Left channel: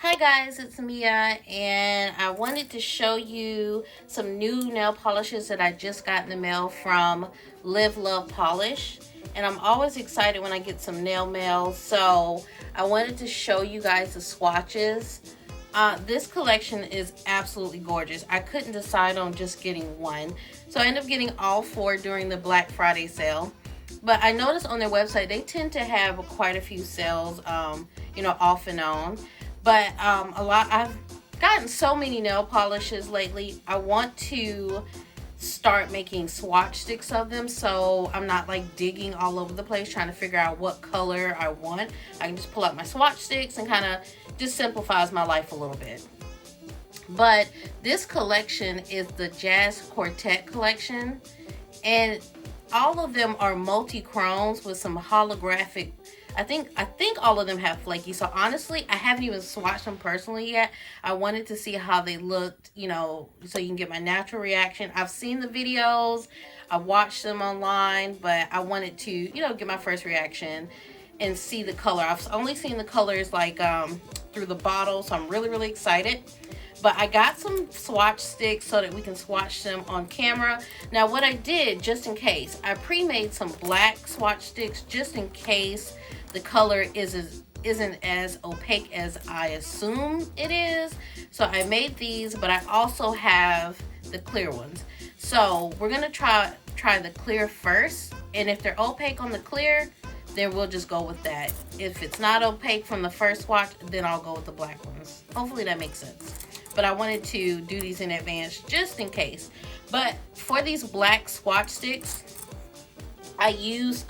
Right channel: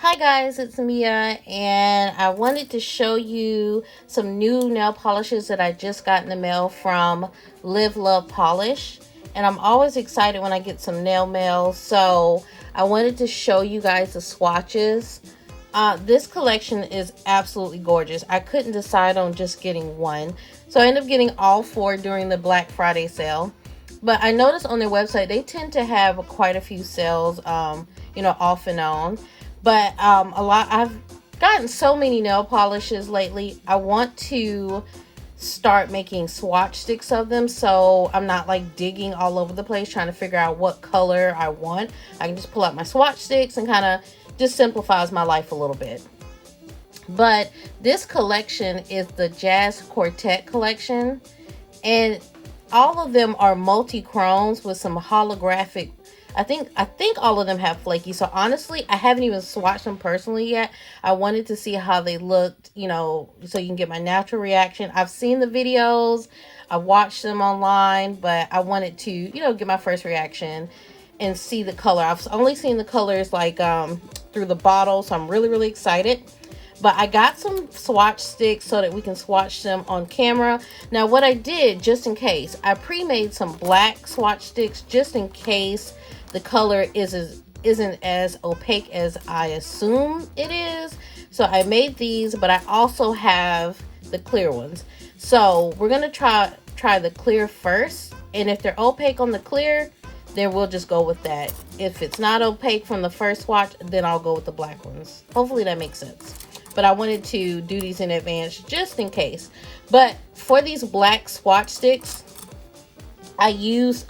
Hi guys, it's Mia, and I wanted to show you some new nail polishes that I just got in the mail from Live Love Polish. And I'm always excited when I get some nail mail, so I wanted to show you guys the swatches. This collection is absolutely gorgeous. I couldn't decide on just getting one, so I ended up getting all four during the Black Friday sale. But I noticed on their website they tend to have quite a few sales, off and on. But I've gotten so many nail polishes lately. I want to start making swatch sticks of them, so I'm not like digging all over the place trying to figure out what color I want. I can just pull out my swatch sticks and kind of just simplifies my life a little bit. But this collection is the Jazz Quartet collection, and all of them are multi-chromes with some holographic. I think all of them have flaky. So honestly, I haven't even swatched them personally yet. I wanted to see how they looked, so you can get my natural reaction. I've seen the videos, I watched them online, but I wanted to, get my first reaction and see the color. I've only seen the colors like through the bottle, so I'm really, really excited. But I got some swatch sticks so that we can swatch them on camera. Now, what I did, just in case, I pre-made some black swatch sticks just in case the color isn't as opaque as I assume it is. So I made these, but I also have the clear ones. So we're gonna try the clear first, and if they're opaque on the clear, then we'll just go with that. If it's not opaque from the first swatch, then I'll go with the black ones. Hopefully that makes sense. But I wanted to do these in advance just in case. But for these black swatch sticks, I use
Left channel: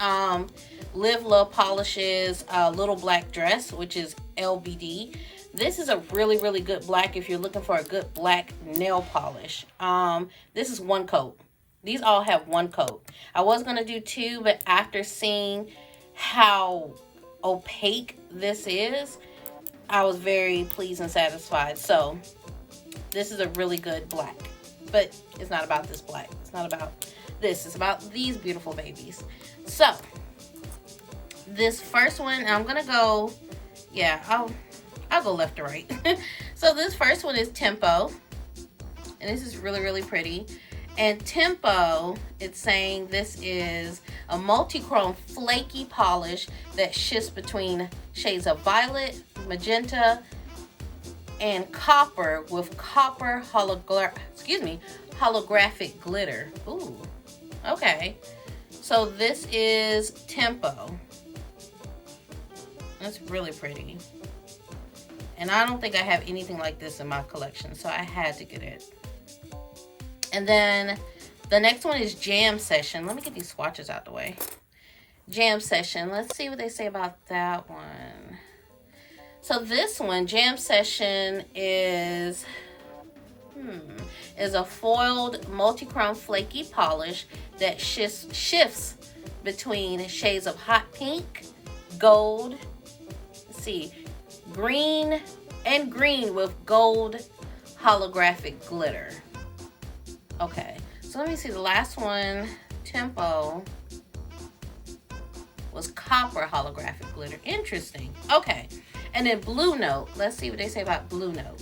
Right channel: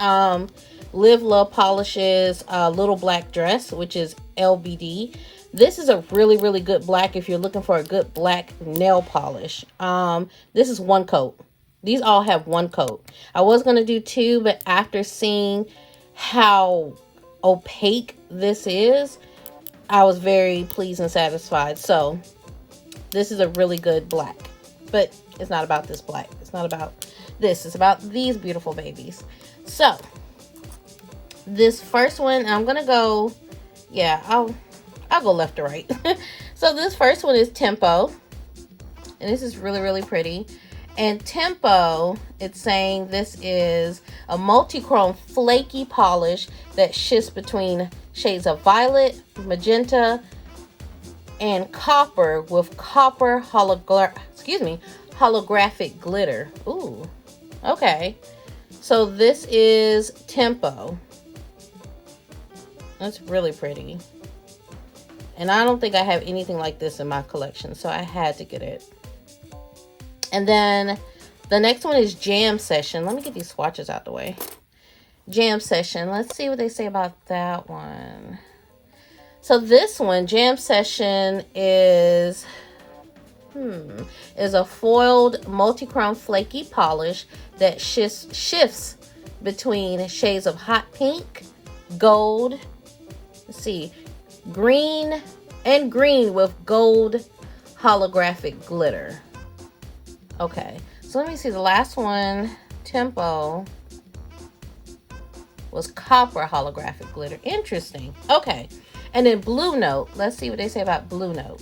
Live Love Polish's Little Black Dress, which is LBD. This is a really, really good black if you're looking for a good black nail polish. This is one coat. These all have one coat. I was going to do two, but after seeing how opaque this is, I was very pleased and satisfied. So this is a really good black, but it's not about this black. It's not about this. It's about these beautiful babies. So this first one, I'm gonna go, I'll go left to right. So this first one is Tempo, and this is really, really pretty. And Tempo, it's saying this is a multi-chrome flaky polish that shifts between shades of violet, magenta, and copper with copper holographic glitter. Ooh, okay. So this is Tempo. That's really pretty. And I don't think I have anything like this in my collection, so I had to get it. And then the next one is Jam Session. Let me get these swatches out the way. Jam Session. Let's see what they say about that one. So this one, Jam Session, is a foiled multi-chrome flaky polish that shifts between shades of hot pink, gold, let's see, green with gold holographic glitter. Okay, so let me see, the last one, Tempo, was copper holographic glitter. Interesting. Okay, and then Blue Note. Let's see what they say about Blue Note.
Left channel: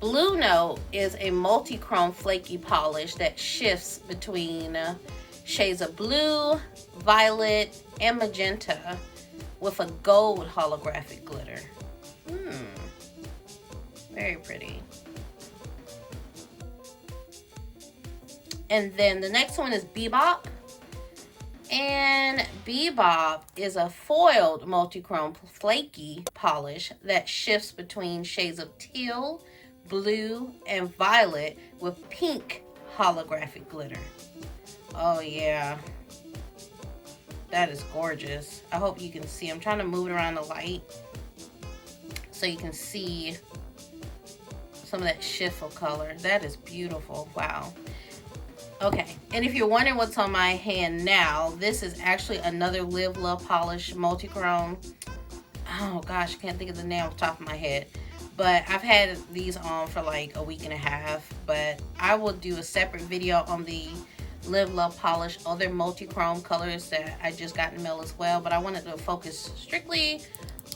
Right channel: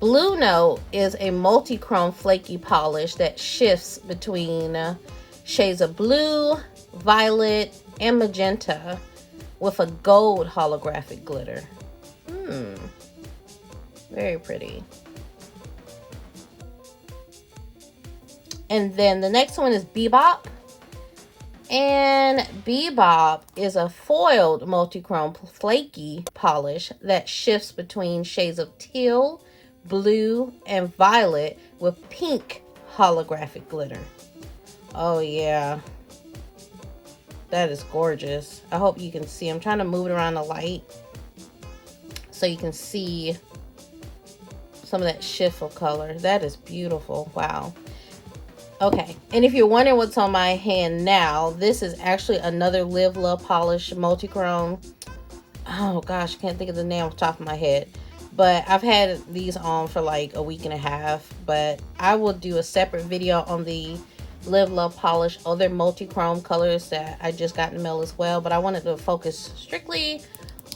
Blue Note is a multi-chrome flaky polish that shifts between shades of blue, violet, and magenta with a gold holographic glitter. Very pretty. And then the next one is Bebop. And Bebop is a foiled multi-chrome flaky polish that shifts between shades of teal, blue, and violet with pink holographic glitter. Oh yeah, that is gorgeous. I hope you can see. I'm trying to move it around the light so you can see some of that shift of color. That is beautiful. Wow. Okay, and if you're wondering what's on my hand now, this is actually another Live Love Polish multi-chrome. Oh gosh, I can't think of the name off the top of my head. But I've had these on for like a week and a half. But I will do a separate video on the Live Love Polish other multi-chrome colors that I just got in the mail as well. But I wanted to focus strictly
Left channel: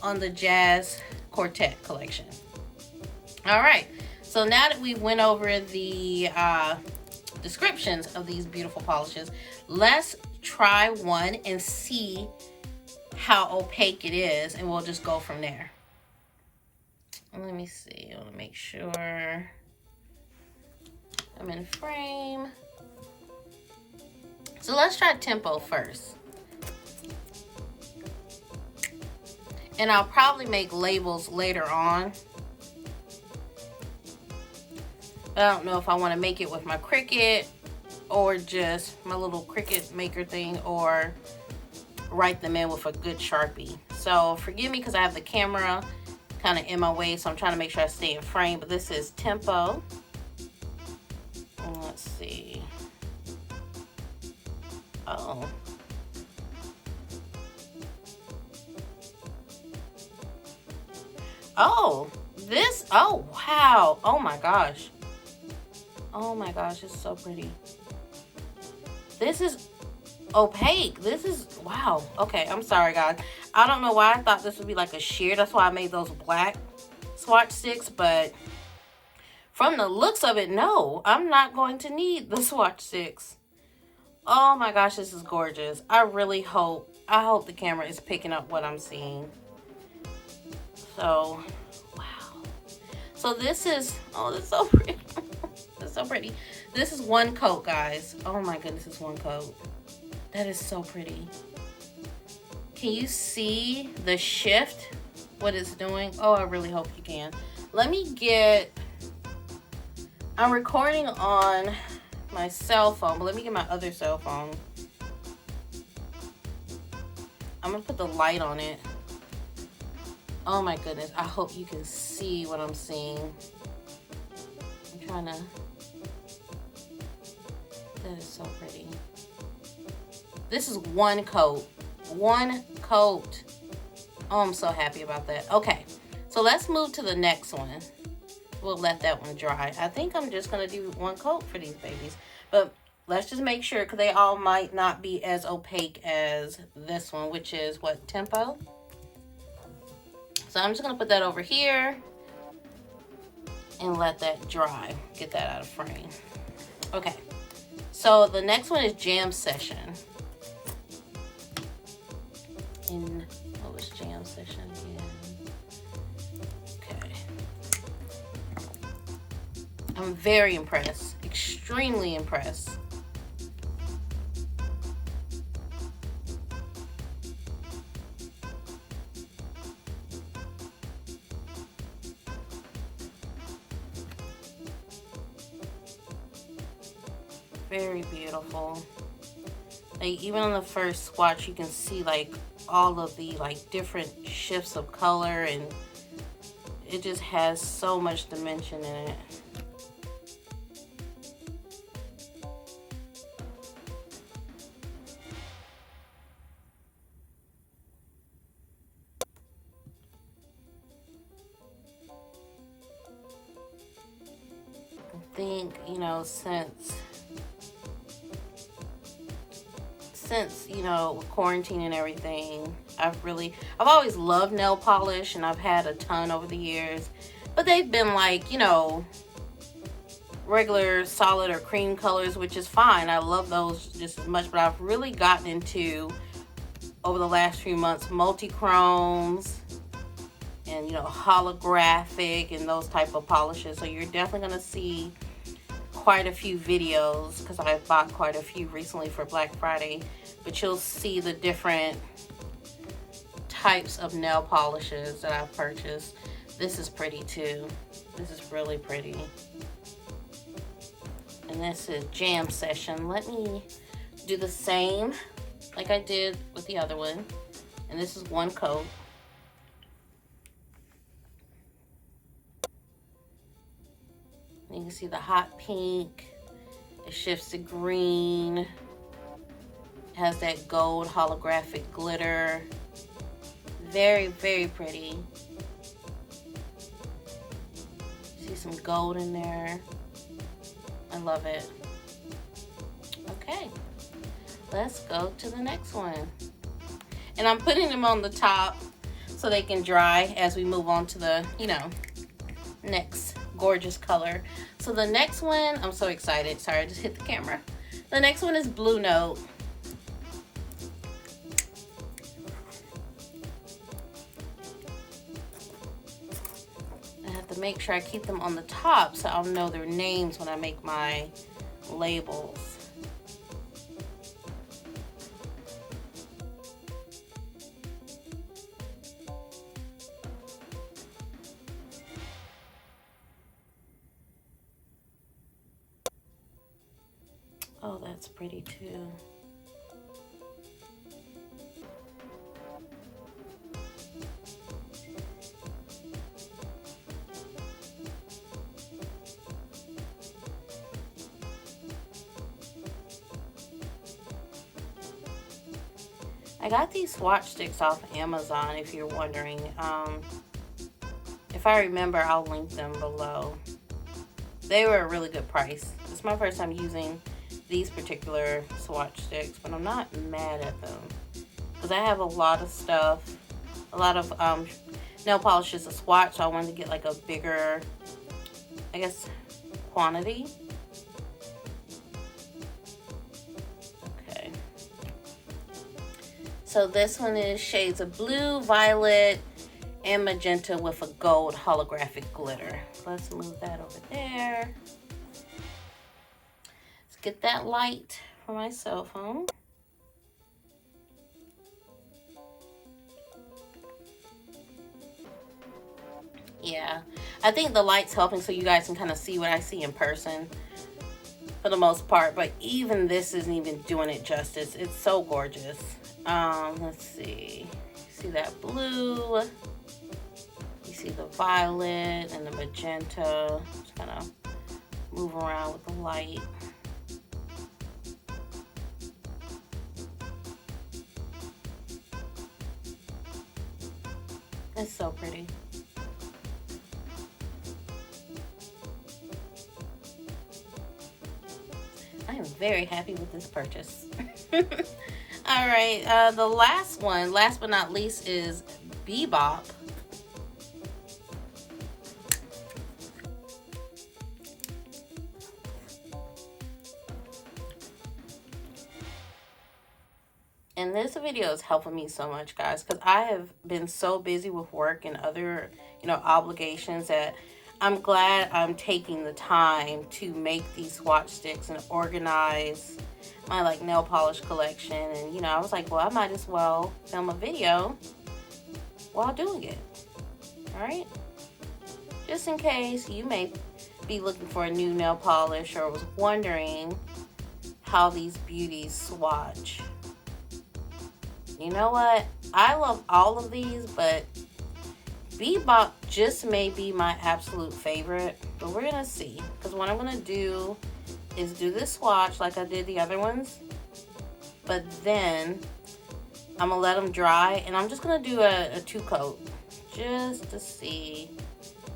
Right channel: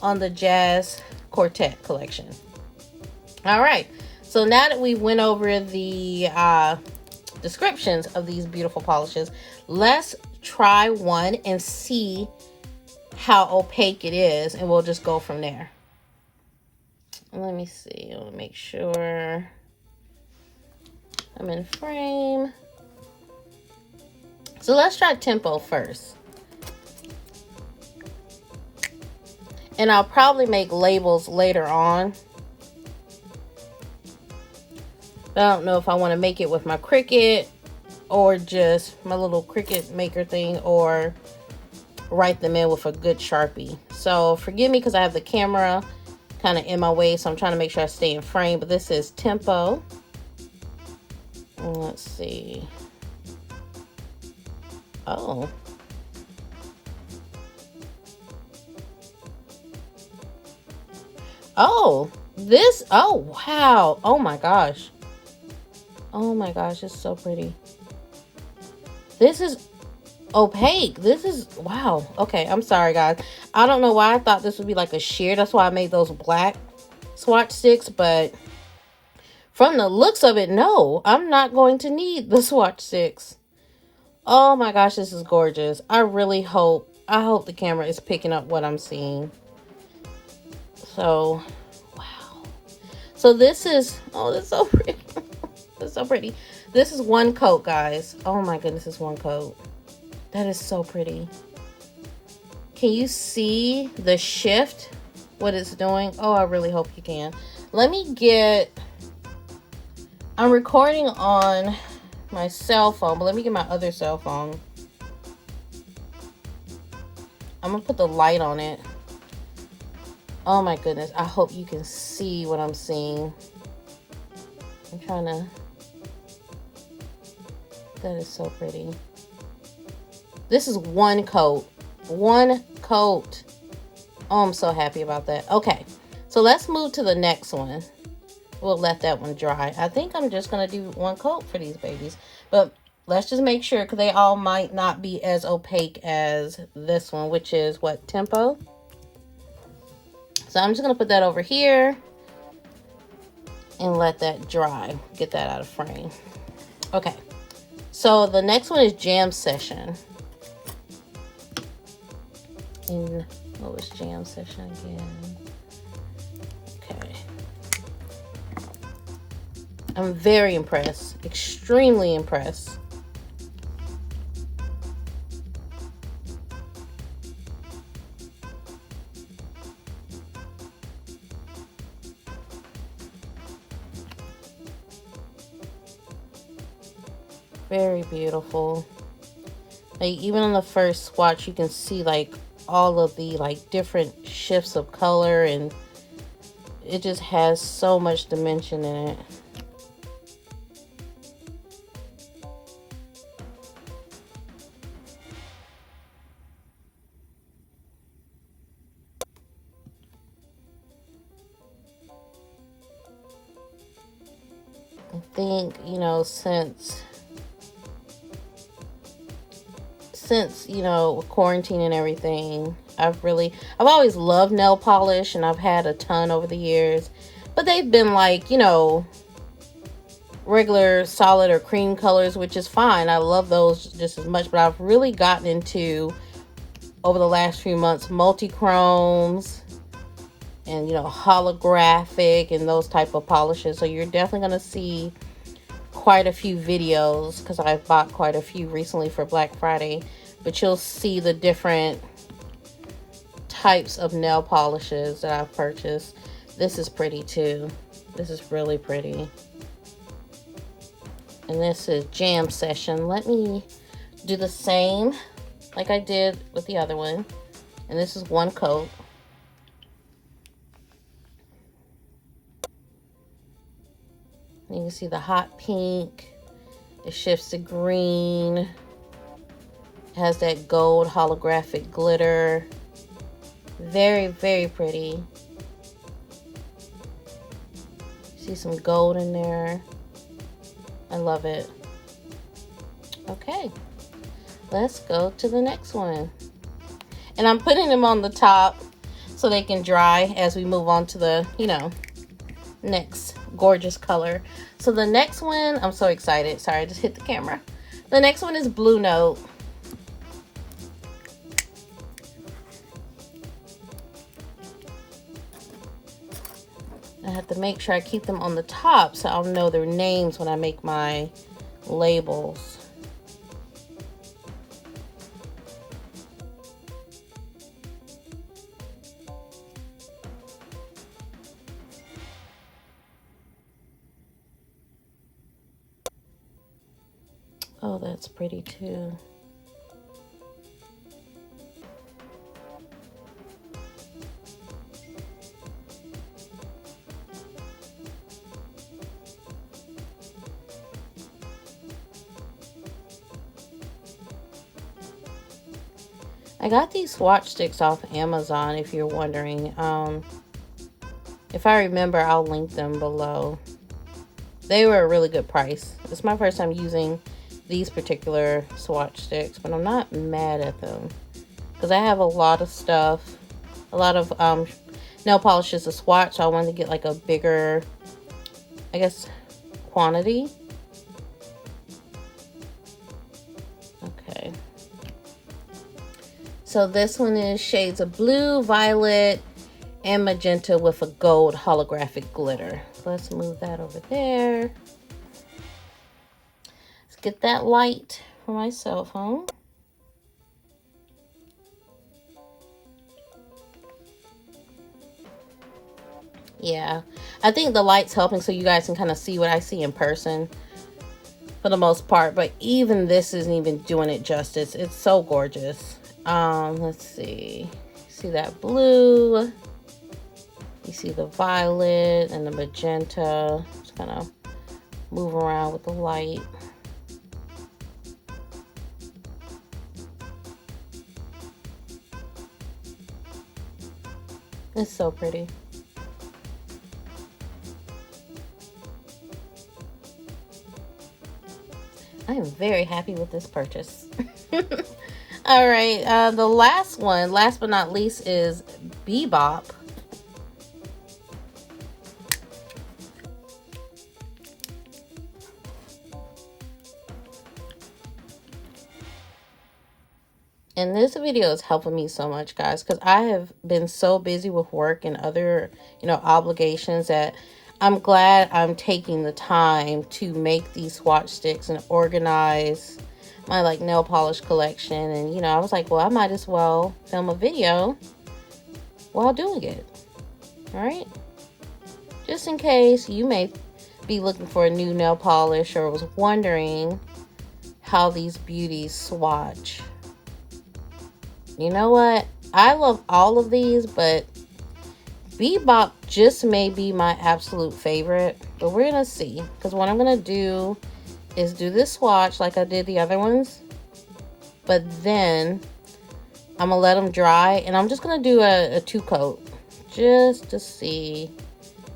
on the Jazz Quartet collection. All right, so now that we went over the descriptions of these beautiful polishes, let's try one and see how opaque it is, and we'll just go from there. Let me see. I want to make sure I'm in frame. So let's try Tempo first. And I'll probably make labels later on. But I don't know if I want to make it with my Cricut or just my little Cricut maker thing, or write them in with a good Sharpie. So forgive me because I have the camera kind of in my way, so I'm trying to make sure I stay in frame. But this is Tempo. Let's see. Oh. Oh, this, oh, wow. Oh my gosh. Oh my gosh, it's so pretty. This is opaque. This is, wow. Okay, I'm sorry, guys. I don't know why I thought this would be like a sheer. That's why I made those black swatch sticks, but from the looks of it, no, I'm not going to need the swatch sticks. Oh my gosh, this is gorgeous. I really hope, the camera is picking up what I'm seeing. So, wow. So this is, oh, that's so pretty. That's so pretty. This is one coat, guys. Oh my goodness, it's one coat. That is so pretty. Can you see the shift? What it's doing? Oh, I really hope you can. Let me get, I'm recording on my cell phone, but let me get my other cell phone. I'm gonna put the light on it. Oh my goodness, I hope you can see what I'm seeing. I'm trying to, that is so pretty. This is one coat. One coat. Oh, I'm so happy about that. Okay, so let's move to the next one. We'll let that one dry. I think I'm just gonna do one coat for these babies, but let's just make sure, because they all might not be as opaque as this one, which is what, Tempo? So I'm just gonna put that over here and let that dry. Get that out of frame. Okay, so the next one is Jam Session. And what was Jam Session again? Okay. I'm very impressed, extremely impressed. Very beautiful. Like, even on the first swatch, you can see like all of the like different shifts of color, and it just has so much dimension in it. I think, you know, since you know, quarantine and everything, I've always loved nail polish, and I've had a ton over the years, but they've been like, you know, regular solid or cream colors, which is fine. I love those just as much, but I've really gotten into, over the last few months, multichromes and, you know, holographic and those type of polishes. So you're definitely going to see quite a few videos, because I bought quite a few recently for Black Friday, but you'll see the different types of nail polishes that I've purchased. This is pretty too. This is really pretty. And this is Jam Session. Let me do the same like I did with the other one. And this is one coat. You can see the hot pink. It shifts to green. It has that gold holographic glitter. Very, very pretty. See some gold in there. I love it. Okay, let's go to the next one. And I'm putting them on the top so they can dry as we move on to the, you know, next gorgeous color. So the next one, I'm so excited. Sorry, I just hit the camera. The next one is Blue Note. I have to make sure I keep them on the top so I'll know their names when I make my labels. Oh, that's pretty too. I got these swatch sticks off Amazon, if you're wondering. If I remember, I'll link them below. They were a really good price. It's my first time using these particular swatch sticks, but I'm not mad at them because I have a lot of stuff, a lot of nail polishes to swatch, so I wanted to get like a bigger, I guess, quantity. Okay. So this one is shades of blue, violet, and magenta with a gold holographic glitter. So let's move that over there. Let's get that light for my cell phone. Yeah, I think the light's helping so you guys can kind of see what I see in person for the most part, but even this isn't even doing it justice. It's so gorgeous. Let's see. See that blue? You see the violet and the magenta. Just kind of move around with the light. It's so pretty. I am very happy with this purchase. All right, the last one, last but not least, is Bebop. And this video is helping me so much, guys, because I have been so busy with work and other, you know, obligations that I'm glad I'm taking the time to make these swatch sticks and organize my like nail polish collection. And you know, I was like, well, I might as well film a video while doing it. All right, just in case you may be looking for a new nail polish or was wondering how these beauties swatch. You know what, I love all of these, but Bebop just may be my absolute favorite, but we're gonna see, because what I'm gonna do is do this swatch like I did the other ones, but then I'm gonna let them dry, and I'm just gonna do a 2-coat just to see,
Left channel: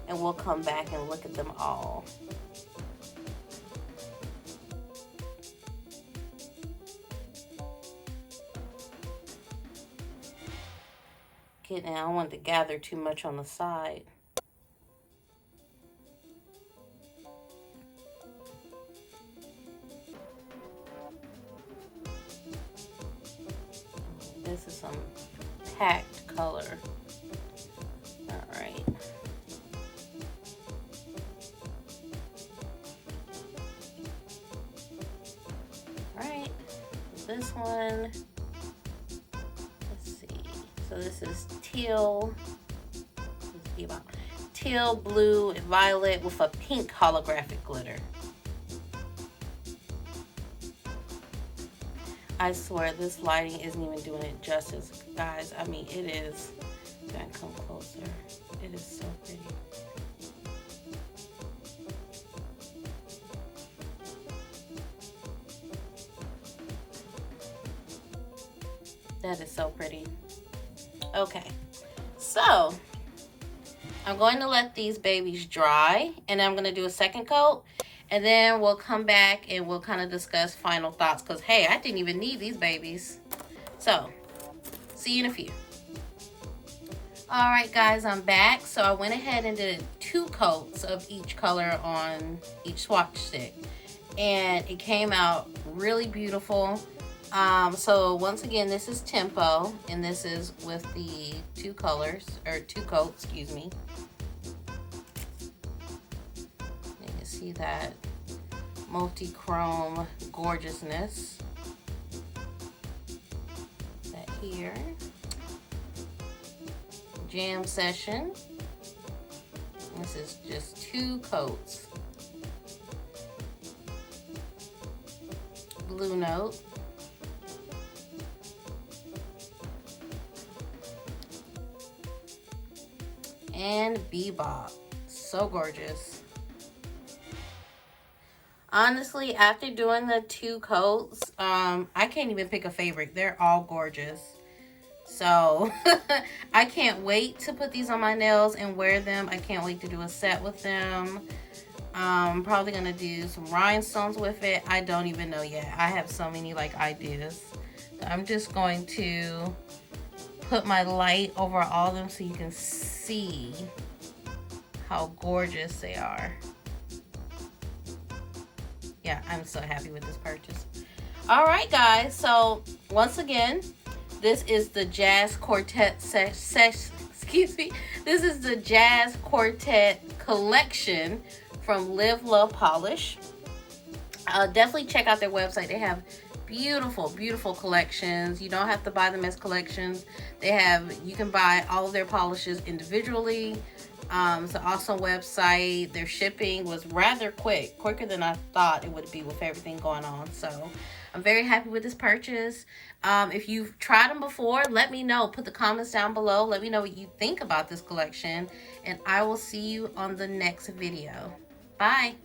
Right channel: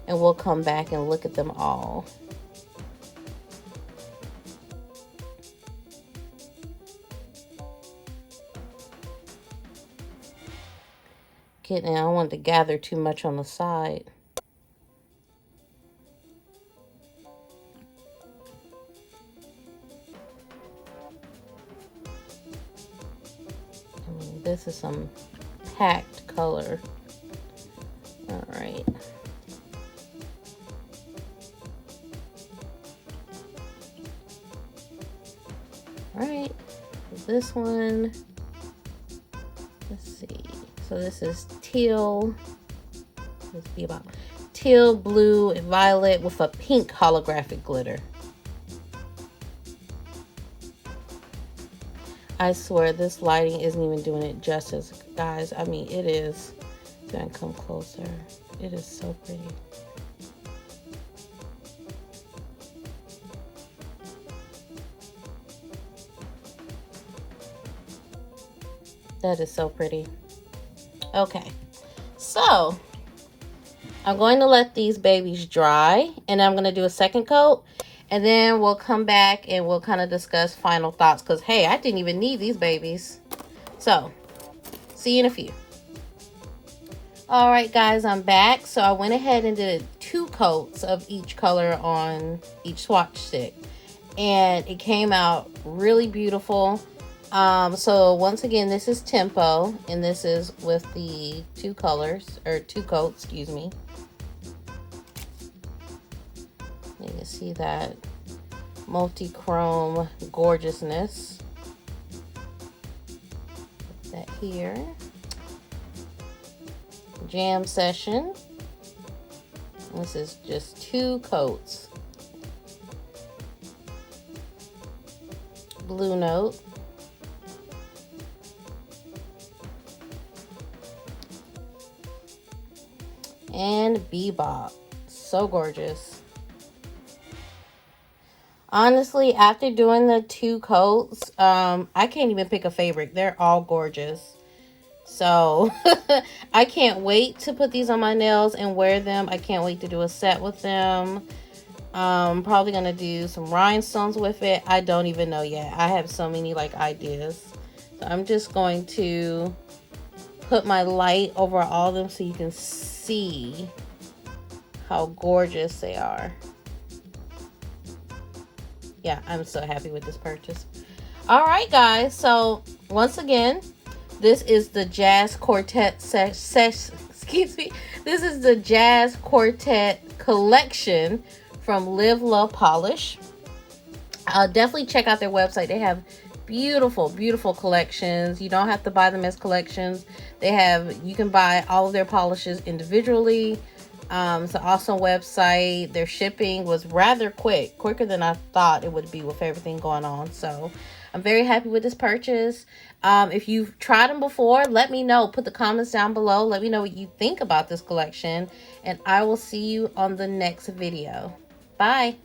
and we'll come back and look at them all. I don't want to gather too much on the side. This is some packed color. All right. All right. This one. Let's see. So this is teal. Let's see about teal, blue, and violet with a pink holographic glitter. I swear this lighting isn't even doing it justice, guys. I mean, it is. Gonna come closer. It is so pretty. That is so pretty. Okay, so I'm going to let these babies dry, and I'm going to do a second coat, and then we'll come back and we'll kind of discuss final thoughts, because hey, I didn't even need these babies. So see you in a few. Alright guys, I'm back. So I went ahead and did 2 coats of each color on each swatch stick. And it came out really beautiful. So once again, this is Tempo, and this is with the 2 colors, or 2 coats, excuse me. You can see that multichrome gorgeousness. Put that here. Jam Session. This is just 2 coats. Blue Note. And Bebop. So gorgeous. Honestly, after doing the 2 coats, I can't even pick a favorite. They're all gorgeous. So I can't wait to put these on my nails and wear them. I can't wait to do a set with them. I'm probably gonna do some rhinestones with it. I don't even know yet. I have so many like ideas. So I'm just going to put my light over all of them so you can see how gorgeous they are. Yeah, I'm so happy with this purchase. All right, guys. So once again, this is the Jazz Quartet excuse me. This is the Jazz Quartet collection from Live Love Polish. Definitely check out their website. They have beautiful, beautiful collections. You don't have to buy them as collections. You can buy all of their polishes individually. It's an awesome website. Their shipping was rather quicker than I thought it would be with everything going on. So I'm very happy with this purchase. If you've tried them before, let me know. Put the comments down below. Let me know what you think about this collection. And I will see you on the next video. Bye.